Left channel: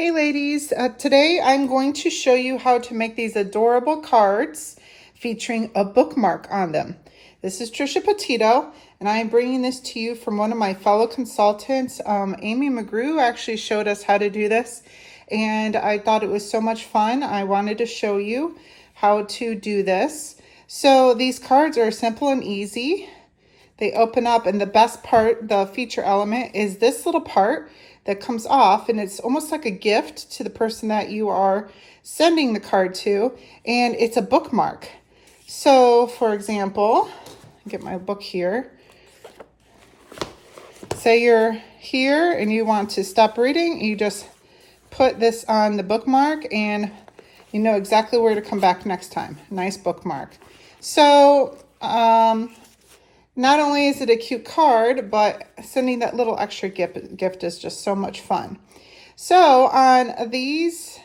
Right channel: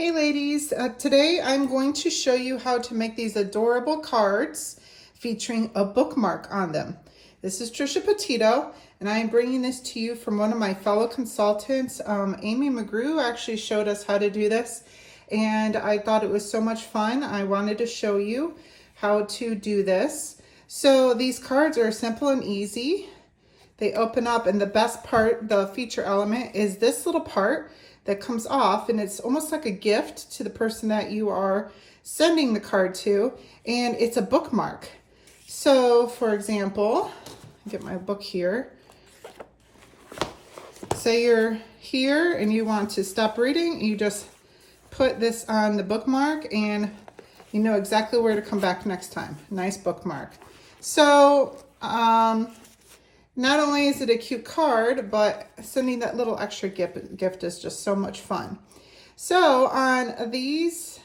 Hey ladies, today I'm going to show you how to make these adorable cards featuring a bookmark on them. This is Trisha Petito, and I am bringing this to you from one of my fellow consultants. Amy McGrew actually showed us how to do this, and I thought it was so much fun. I wanted to show you how to do this. So these cards are simple and easy. They open up, and the best part, the feature element, is this little part that comes off, and it's almost like a gift to the person that you are sending the card to, and it's a bookmark. So for example, get my book here. Say you're here and you want to stop reading, you just put this on the bookmark and you know exactly where to come back next time. Nice bookmark. So not only is it a cute card, but sending that little extra gift is just so much fun. So on these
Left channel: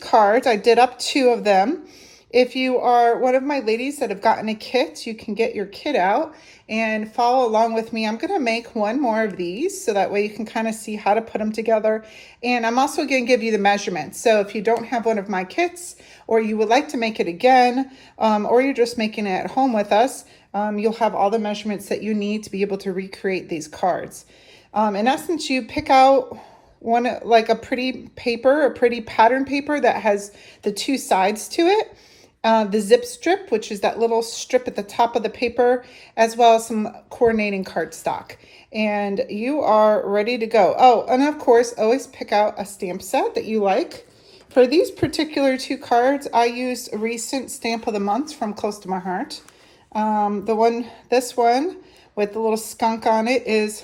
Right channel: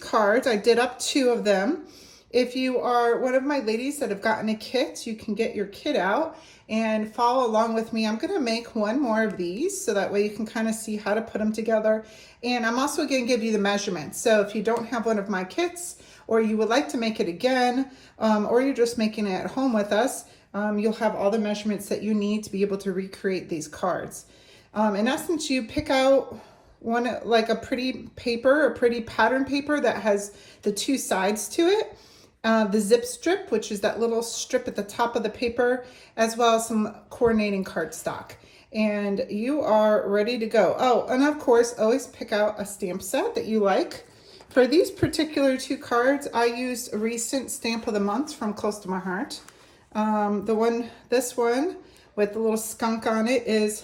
cards, I did up 2 of them. If you are one of my ladies that have gotten a kit, you can get your kit out and follow along with me. I'm going to make one more of these so that way you can kind of see how to put them together. And I'm also going to give you the measurements. So if you don't have one of my kits, or you would like to make it again, or you're just making it at home with us, you'll have all the measurements that you need to be able to recreate these cards. In essence, you pick out one, like a pretty paper, a pretty pattern paper that has the 2 sides to it. The zip strip, which is that little strip at the top of the paper, as well as some coordinating cardstock. And you are ready to go. Oh, and of course, always pick out a stamp set that you like. For these particular 2 cards, I used a recent stamp of the month from Close to My Heart. This one with the little skunk on it is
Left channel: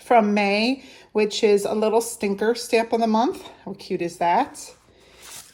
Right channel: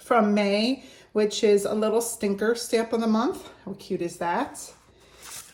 from May, which is a little stinker stamp of the month. How cute is that?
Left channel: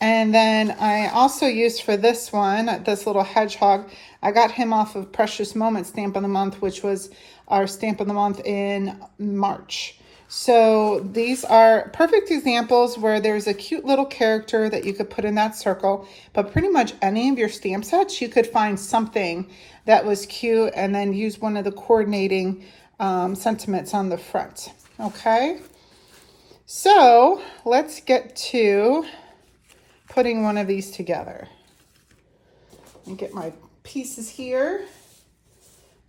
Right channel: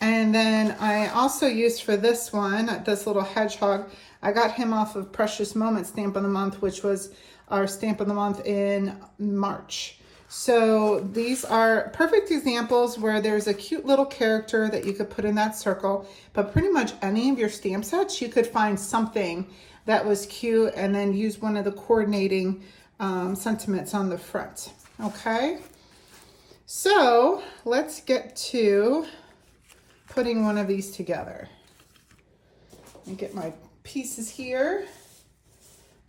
And then I also used for this one, this little hedgehog, I got him off of Precious Moments stamp of the month, which was our stamp of the month in March. So these are perfect examples where there's a cute little character that you could put in that circle, but pretty much any of your stamp sets, you could find something that was cute and then use one of the coordinating sentiments on the front. Okay, so let's get to putting one of these together. And get my pieces here.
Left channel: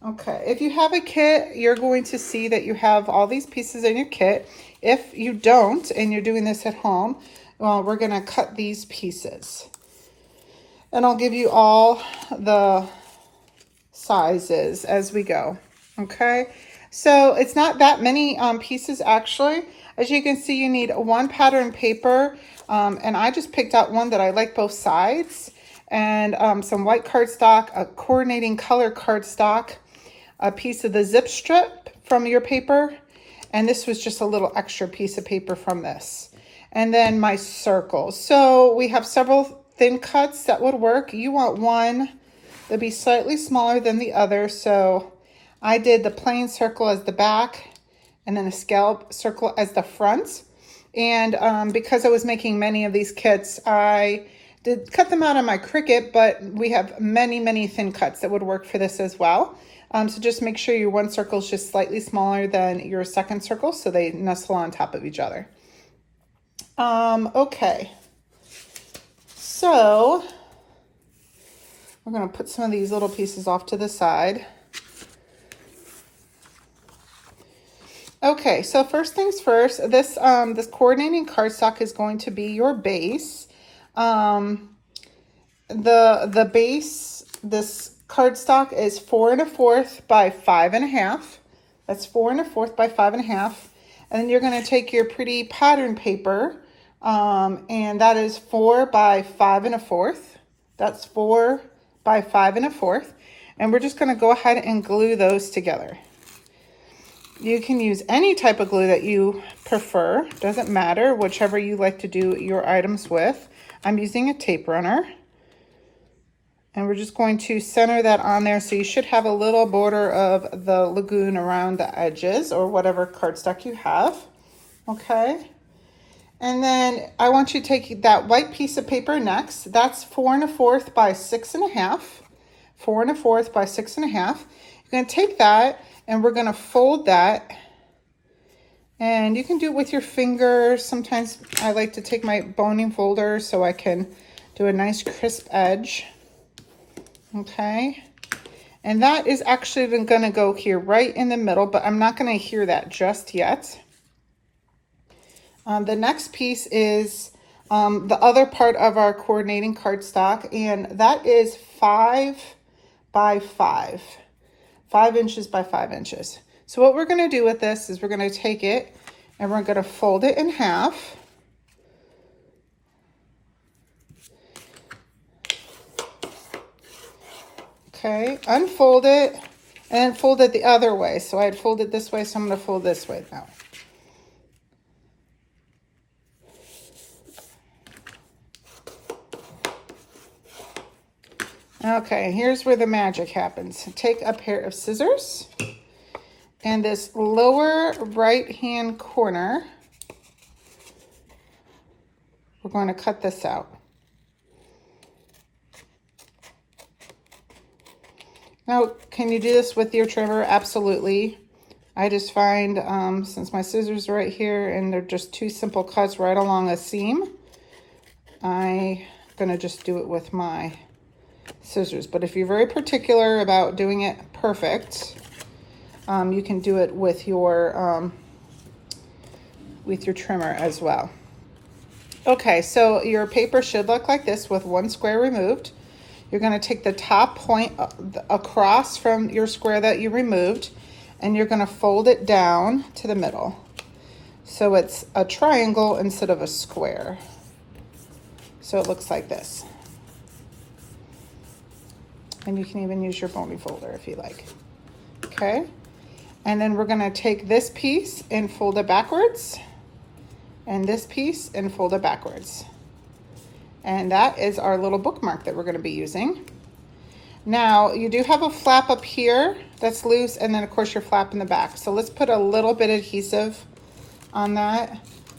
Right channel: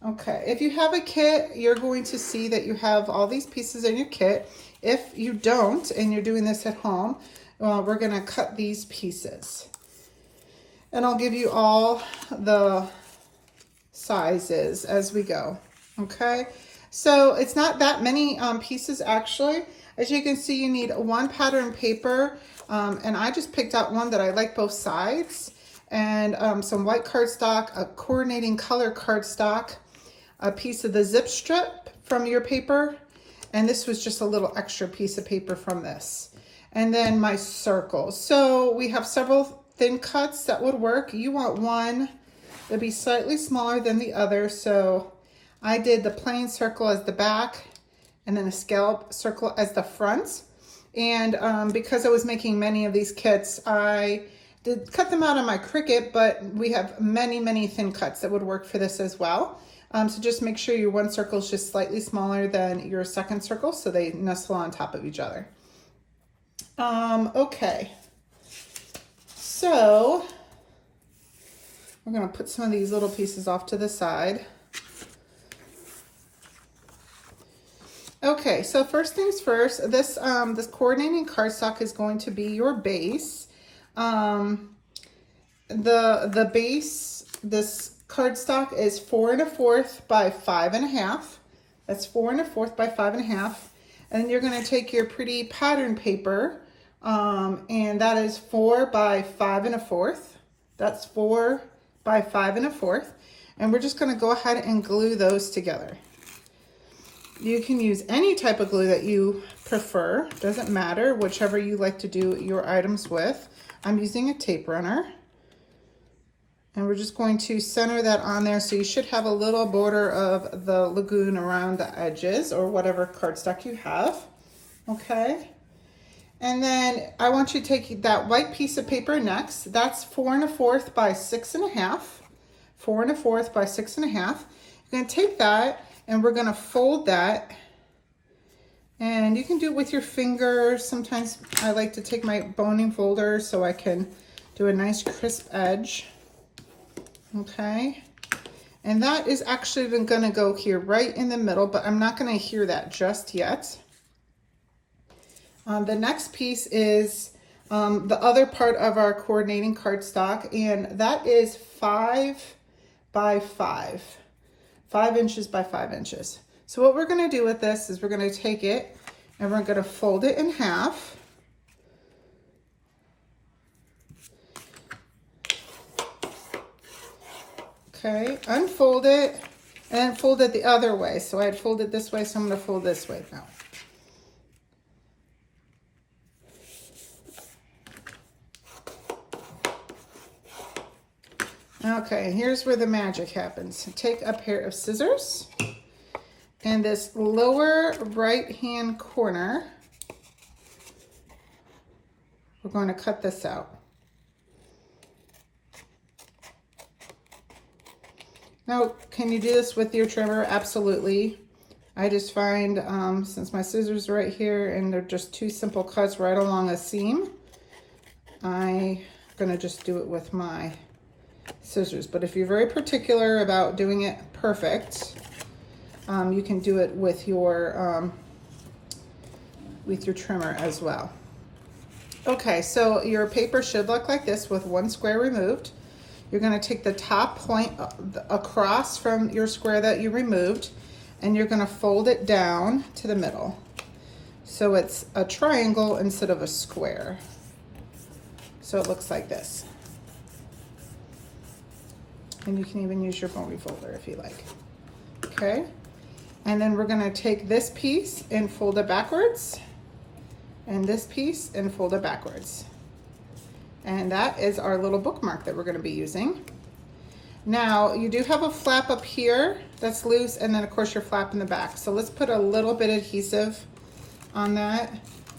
Okay, if you have a kit, you're going to see that you have all these pieces in your kit. If you don't, and you're doing this at home, well, we're gonna cut these pieces. And I'll give you all the sizes as we go, okay? So it's not that many pieces actually. As you can see, you need 1 pattern paper, and I just picked out one that I like both sides, and some white cardstock, a coordinating color cardstock, a piece of the zip strip from your paper, and this was just a little extra piece of paper from this. And then my circles. So we have several thin cuts that would work. You want one that'd be slightly smaller than the other, so I did the plain circle as the back and then a scallop circle as the front. And because I was making many of these kits, I did cut them out on my Cricut, but we have many thin cuts that would work for this as well. So just make sure your one circle is just slightly smaller than your second circle so they nestle on top of each other. Okay, so we're going to put some of these little pieces off to the side. Okay, so first things first, this coordinating cardstock is going to be your base. The base, this cardstock is 4 1/4 by 5 1/2. That's 4 1/4 by 5 1/2. And then you're going to take your pretty pattern paper, and that is 4 by 5 1/4. That's 4 by 5 1/4. And we're just going to go ahead and glue those together. You can use any type of glue that you prefer. Doesn't matter, whichever you like to do your items with. I'm using a tape runner. And we're just going to center that on there. So you should have a little border of the lagoon around the edges or whatever cardstock you have. Okay. And then I want you to take that white piece of paper next. That's 4 1/4 by 6 1/2. 4 1/4 by 6 1/2. You're going to take that and we're going to fold that And you can do it with your fingers. Sometimes I like to take my boning folder so I can do a nice crisp edge. Okay. And that is actually going to go here right in the middle, but I'm not going to adhere that just yet. The next piece is the other part of our coordinating cardstock, and that is 5 by 5. 5 inches by 5 inches. So what we're going to do with this is we're going to take it and we're going to fold it in half. Okay, unfold it and then fold it the other way. So I had folded this way, so I'm going to fold this way now. Okay, here's where the magic happens. Take a pair of scissors and this lower right hand corner, we're going to cut this out. Now, can you do this with your trimmer? Absolutely. I just find, since my scissors are right here and they're just two simple cuts right along a seam, I'm gonna just do it with my scissors. But if you're very particular about doing it perfect, you can do it with your trimmer as well. Okay, so your paper should look like this with one square removed. You're going to take the top point across from your square that you removed, and you're going to fold it down to the middle. So it's a triangle instead of a square. So it looks like this. And you can even use your boning folder if you like. Okay. And then we're going to take this piece and fold it backwards, and this piece and fold it backwards. And that is our little bookmark that we're going to be using. Now, you do have a flap up here that's loose, and then of course your flap in the back. So let's put a little bit of adhesive on that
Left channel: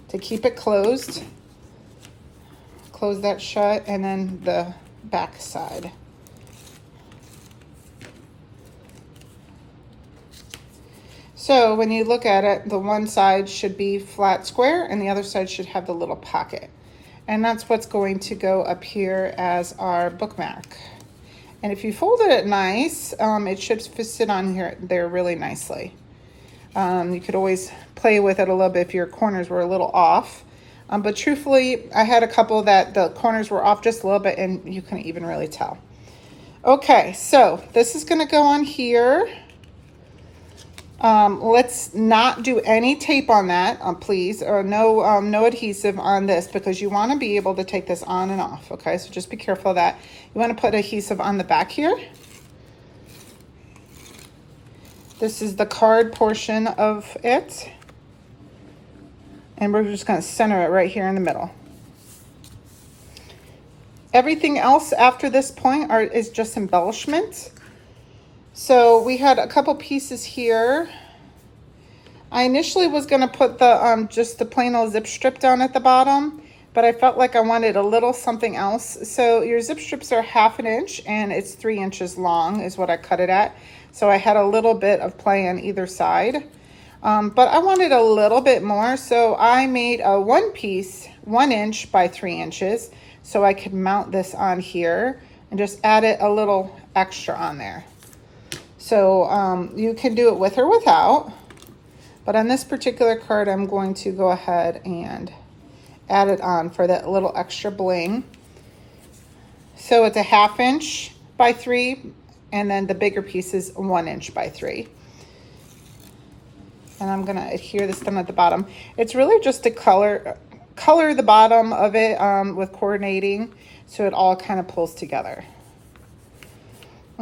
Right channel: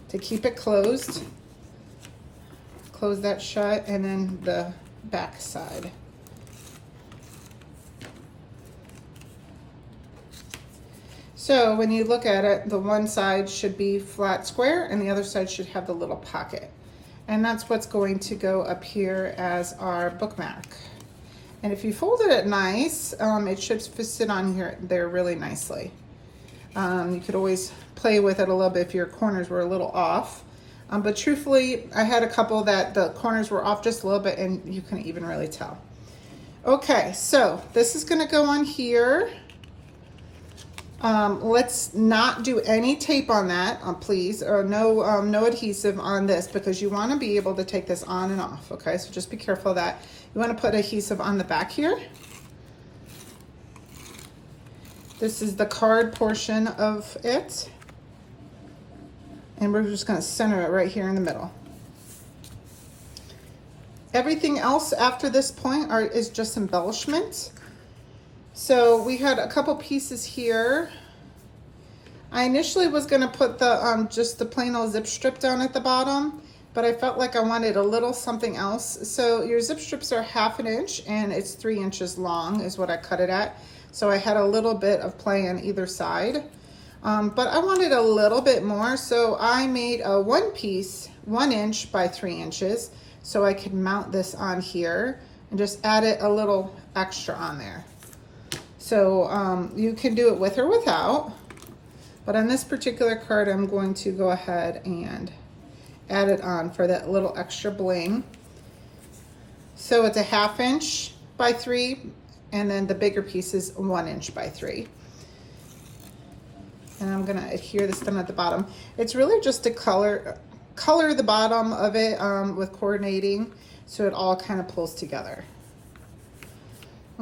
to keep it closed. Close that shut, and then the back side. So when you look at it, the one side should be flat square and the other side should have the little pocket. And that's what's going to go up here as our bookmark. And if you folded it nice, it should sit on here there really nicely. You could always play with it a little bit if your corners were a little off. But truthfully, I had a couple that the corners were off just a little bit and you couldn't even really tell. Okay, so this is gonna go on here. Let's not do any tape on that, please, or no adhesive on this, because you want to be able to take this on and off. Okay, so just be careful of that. You want to put adhesive on the back here. This is the card portion of it, and we're just going to center it right here in the middle. Everything else after this point is just embellishment. So we had a couple pieces here. I initially was going to put the just the plain old zip strip down at the bottom, but I felt like I wanted a little something else. So your zip strips are 1/2 inch and it's 3 inches long is what I cut it at. So I had a little bit of play on either side, but I wanted a little bit more. So I made a one piece 1 inch by 3 inches so I could mount this on here and just add it a little extra on there. So you can do it with or without, but on this particular card, I'm going to go ahead and add it on for that little extra bling. So it's a 1/2 inch by 3, and then the bigger piece is 1 inch by 3. And I'm gonna adhere this down at the bottom. It's really just to color the bottom of it with coordinating, so it all kind of pulls together.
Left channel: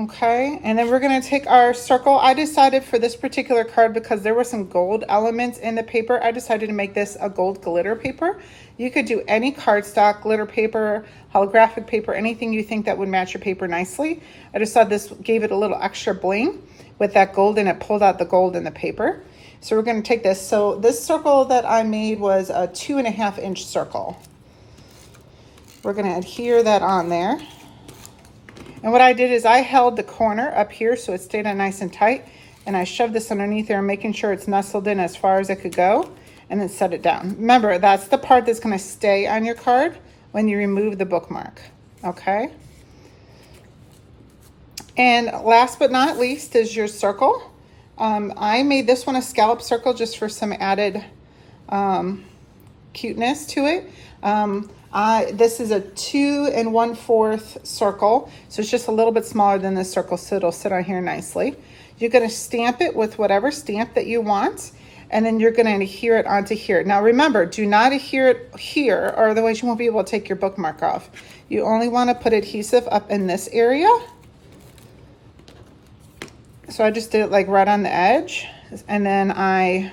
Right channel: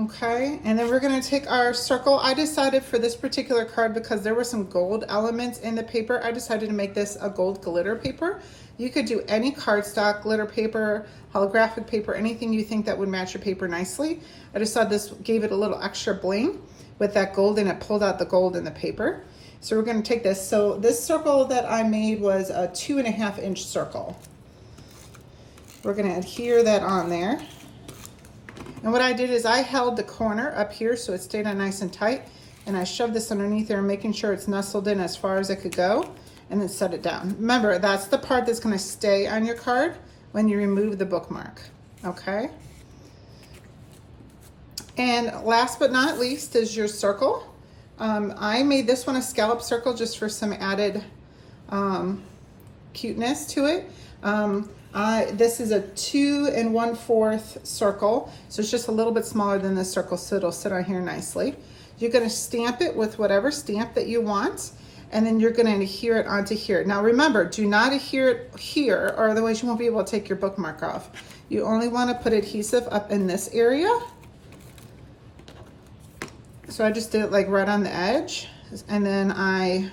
Okay, and then we're gonna take our circle. I decided for this particular card, because there were some gold elements in the paper, I decided to make this a gold glitter paper. You could do any cardstock, glitter paper, holographic paper, anything you think that would match your paper nicely. I just thought this gave it a little extra bling with that gold, and it pulled out the gold in the paper. So we're gonna take this. So this circle that I made was a 2.5 inch circle. We're gonna adhere that on there. And what I did is I held the corner up here so it stayed on nice and tight, and I shoved this underneath there, making sure it's nestled in as far as it could go. and then set it down. Remember, that's the part that's going to stay on your card when you remove the bookmark, okay? And last but not least is your circle. I made this one a scallop circle just for some added cuteness to it. This is a 2 1/4 circle, so it's just a little bit smaller than this circle, so it'll sit on here nicely. You're going to stamp it with whatever stamp that you want, and then you're going to adhere it onto here. Now remember, do not adhere it here, or otherwise you won't be able to take your bookmark off. You only want to put adhesive up in this area. So I just did it like right on the edge, and then I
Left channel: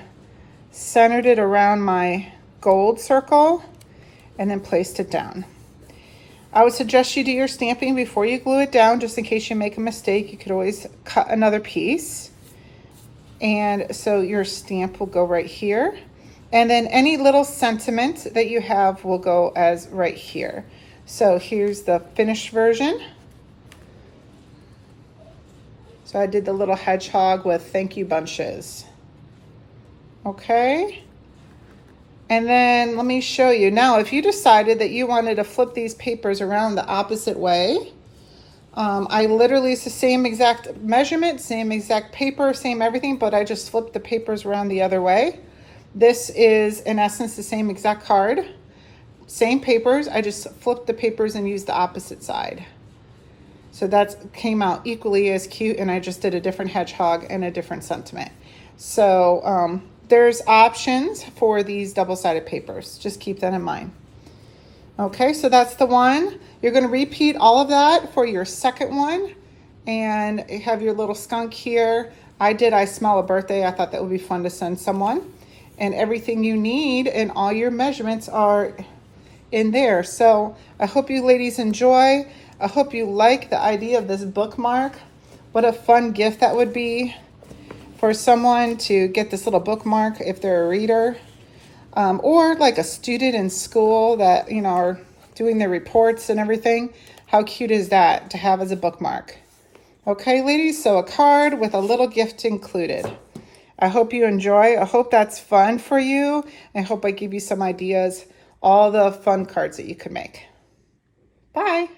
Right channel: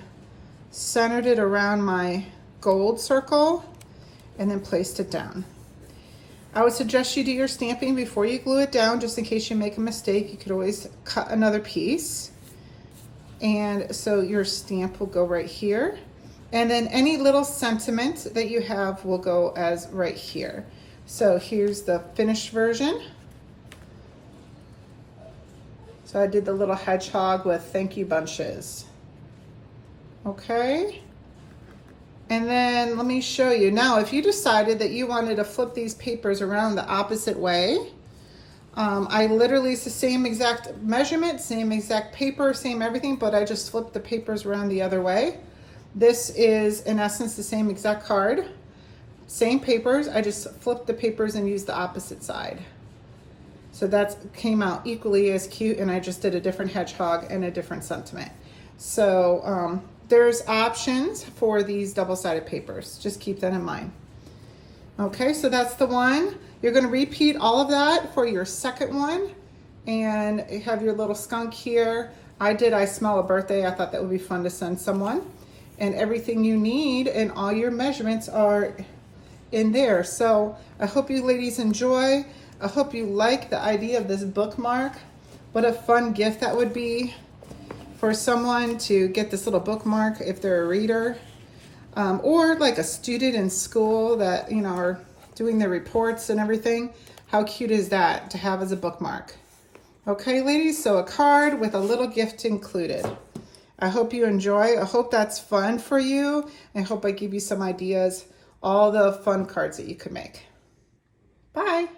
centered it around my gold circle and then placed it down. I would suggest you do your stamping before you glue it down, just in case you make a mistake. You could always cut another piece. And so your stamp will go right here. And then any little sentiment that you have will go as right here. So here's the finished version. So I did the little hedgehog with thank you bunches. Okay. And then let me show you. Now, if you decided that you wanted to flip these papers around the opposite way, I literally, it's the same exact measurement, same exact paper, same everything, but I just flipped the papers around the other way. This is, in essence, the same exact card. Same papers, I just flipped the papers and used the opposite side. So that came out equally as cute, and I just did a different hedgehog and a different sentiment. So, there's options for these double-sided papers. Just keep that in mind. Okay, so that's the one. You're going to repeat all of that for your second one. And you have your little skunk here. I smell a birthday. I thought that would be fun to send someone. And everything you need and all your measurements are in there. So I hope you ladies enjoy. I hope you like the idea of this bookmark. What a fun gift that would be for someone to get this little bookmark if they're a reader, or like a student in school that, you know, are doing their reports and everything. How cute is that to have as a bookmark? Okay, ladies, so a card with a little gift included. I hope you enjoy. I hope that's fun for you. I hope I give you some ideas, all the fun cards that you could make. Bye.